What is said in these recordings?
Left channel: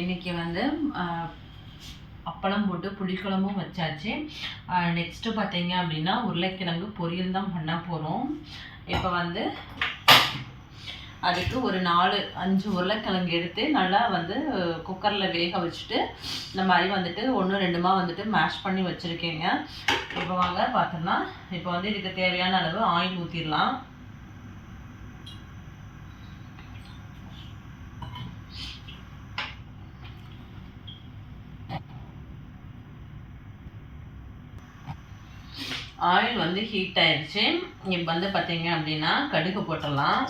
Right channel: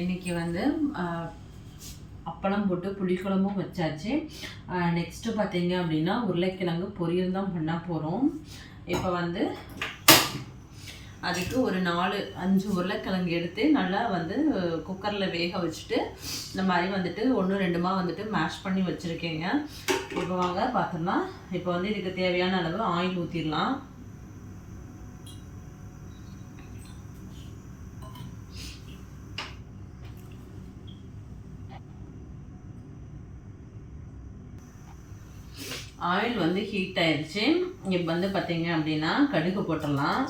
இன்னைக்கு வந்து அப்பளம் போட்டு புளிக்குழம்பும் வச்சாச்சு. நெக்ஸ்ட்டு பார்த்தீங்க அப்படின்னா உருளைக்கிழங்கு பொரியல் தான் பண்ண போகிறோம் இப்போ வந்து அதுக்கு ஒரு நாலு அஞ்சு உருளைக்கிழங்கு எடுத்து நல்லா வந்து குக்கரில் வேக வச்சுட்டு இந்த மாதிரி வந்துட்டு ஒன்று ரெண்டுமா வந்துட்டு மேஷ் பண்ணி வச்சுருக்கேங்க. இப்போ வாங்க பார்த்தோம்னா இப்போ வந்து இதுக்கு தேவையான அளவு ஆயில் ஊற்றிடலாம் ஆயில் வந்து ஹீட் ஆயிடுச்சு இப்போ வந்து பார்த்தீங்க அப்படின்னா கடுகு போட்டுடலாம்.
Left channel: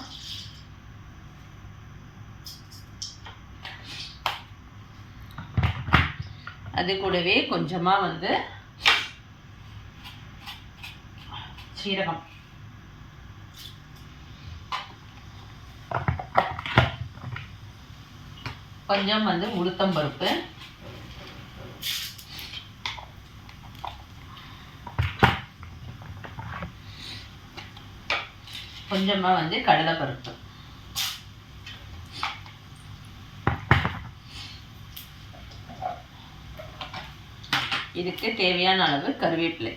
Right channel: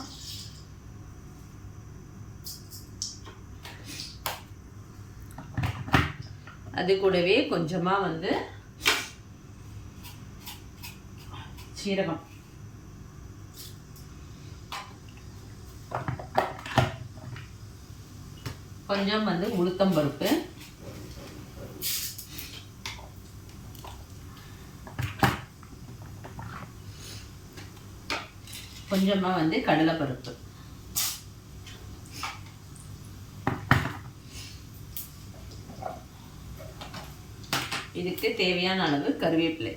அது கூடவே கொஞ்சமாக வந்து சீரகம். கொஞ்சம் வந்து உளுத்தம் கொஞ்சமாக வந்து கடலைப்பருப்பு இதுக்கு தேவையான அளவு கருவேப்பிலை.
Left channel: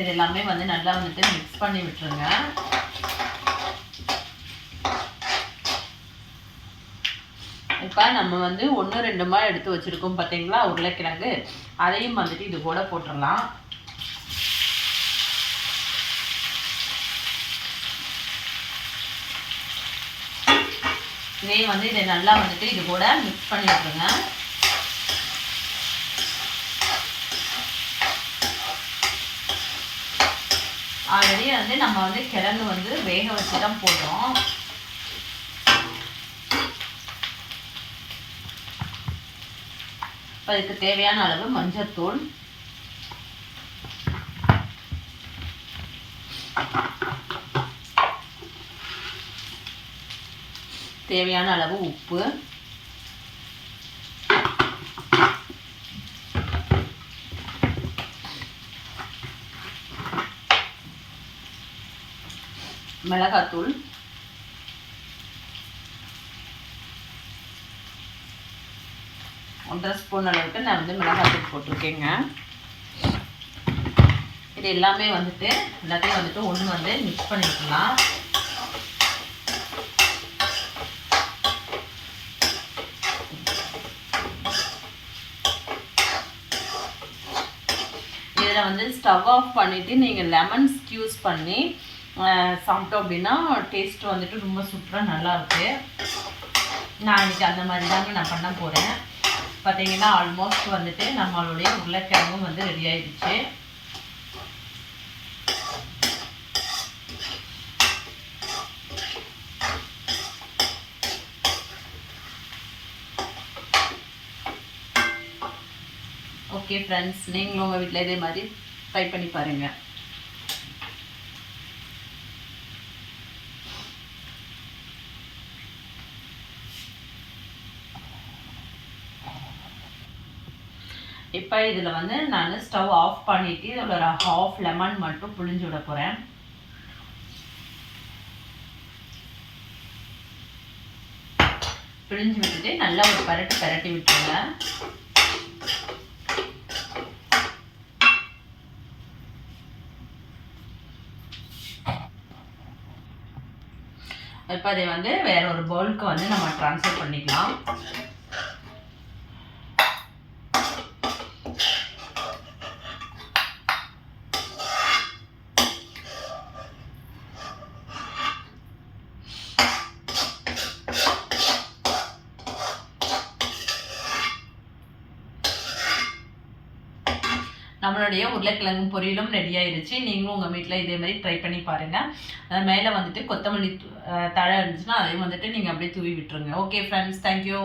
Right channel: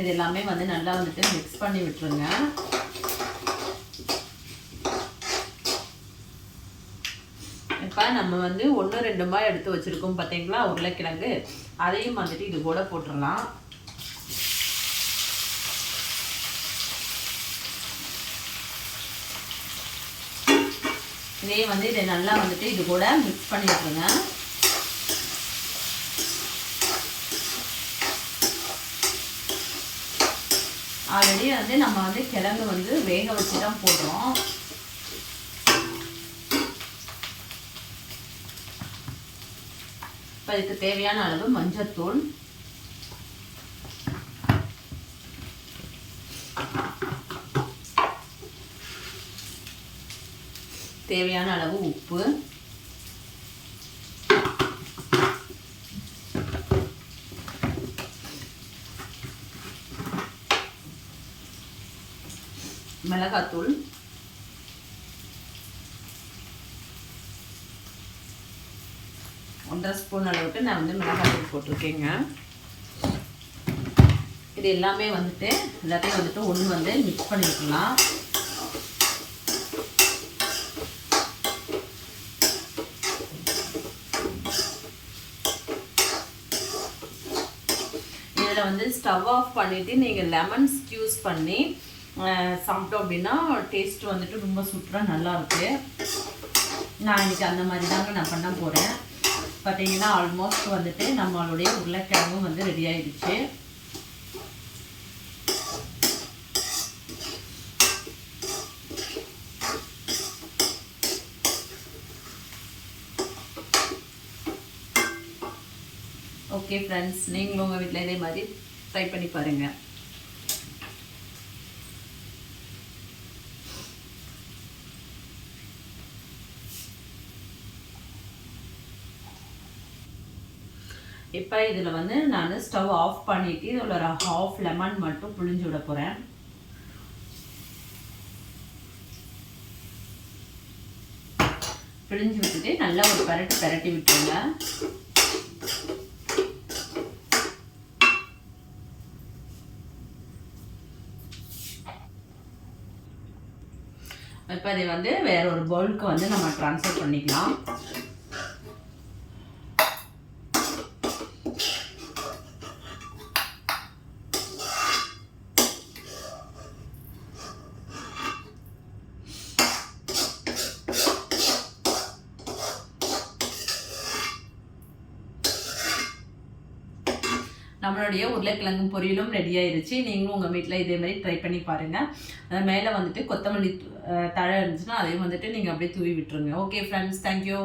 இது எல்லாமே வந்து நல்லா வந்துட்டு மிக்ஸ் பண்ணி விட்டுருங்க. இப்போ நம்ம வந்து ஒன்று ரெண்டு மாதிரி எடுத்து வச்சுருக்கோம் பார்த்தீங்களா உருளைக்கிழங்கு. அதையும் வந்துட்டு இது கூட போட்டுடலாம். இதே வந்து இதை நல்லா வந்துட்டு இது கூட மிக்ஸ் பண்ணி விட்டுருங்க. ஆல்ரெடி வந்து நம்ம வந்து கிழங்கு வந்து வேக வச்சு தான் போடுறோம். இப்போ இதுக்கு தேவையான அளவு மஞ்சத்தூள் தேவையான அளவு உப்பு. மிளகாத்தூள். ஒன்றரை ஸ்பூன் அளவுக்கு நான் வந்து மிளகாத்தூள் போட்டிருக்கேங்க. இது எல்லாமே வந்துட்டு எல்லாத்தையும் வந்துட்டு ஒன்று வந்து மிக்ஸ் பண்ணிக்கலாம். இதில் வந்து ஸ்டவ் ஆஃப் பண்ணிவிட்டு நீங்கள் லெமன் ஸ்க்யூஸ் பண்ணி சாப்பிட்டோம் அப்படின்னா டேஸ்ட் வந்துட்டு ரொம்ப சூப்பராக நல்லாயிருக்கு நான் இன்னைக்கு அந்த மாதிரி தாங்க நான் பண்ண போகிறேன் பார்த்தீங்கன்னா ஆல்மோஸ்ட் வந்துட்டு நம்மளுடைய உருளைக்கிழங்கும் வந்து ரெடி ஆயிடுச்சு. ஓகே ஃப்ரெண்ட்ஸ் நீங்களும் உங்கள் வீட்டில் இதே மாதிரி ட்ரை பண்ணி பாருங்கள் இப்போ இதில் வந்து நான் ஸ்டவ் ஆஃப் பண்ணிவிட்டு இதில் ஒரு ஹாஃப் லெமன் மட்டும் புழிஞ்சு விட போகிறேன் பிழிஞ்சு விட்டுட்டு நல்லா ஒரு பரட்டு பரட்டி விட்டுருங்க. இப்போ அதை வந்து வேற ஒரு பவுலுக்கு வந்து நம்ம ட்ரான்ஸ்ஃபர் பண்ணிக்கலாம். நம்மளுடைய உருளைக்கிழங்கு பொரியலும் ரெடி ஆயிருச்சு. நீங்களும் உங்கள் வீட்டில் இதே மாதிரி ட்ரை பண்ணி பாருங்கள் அது மேலே வந்துட்டு கொத்தமல்லி தழை இருந்துச்சுன்னா அதையும் வந்துட்டு நீங்கள் அப்படியே தூவி விட்டுருங்க. Okay friends thank you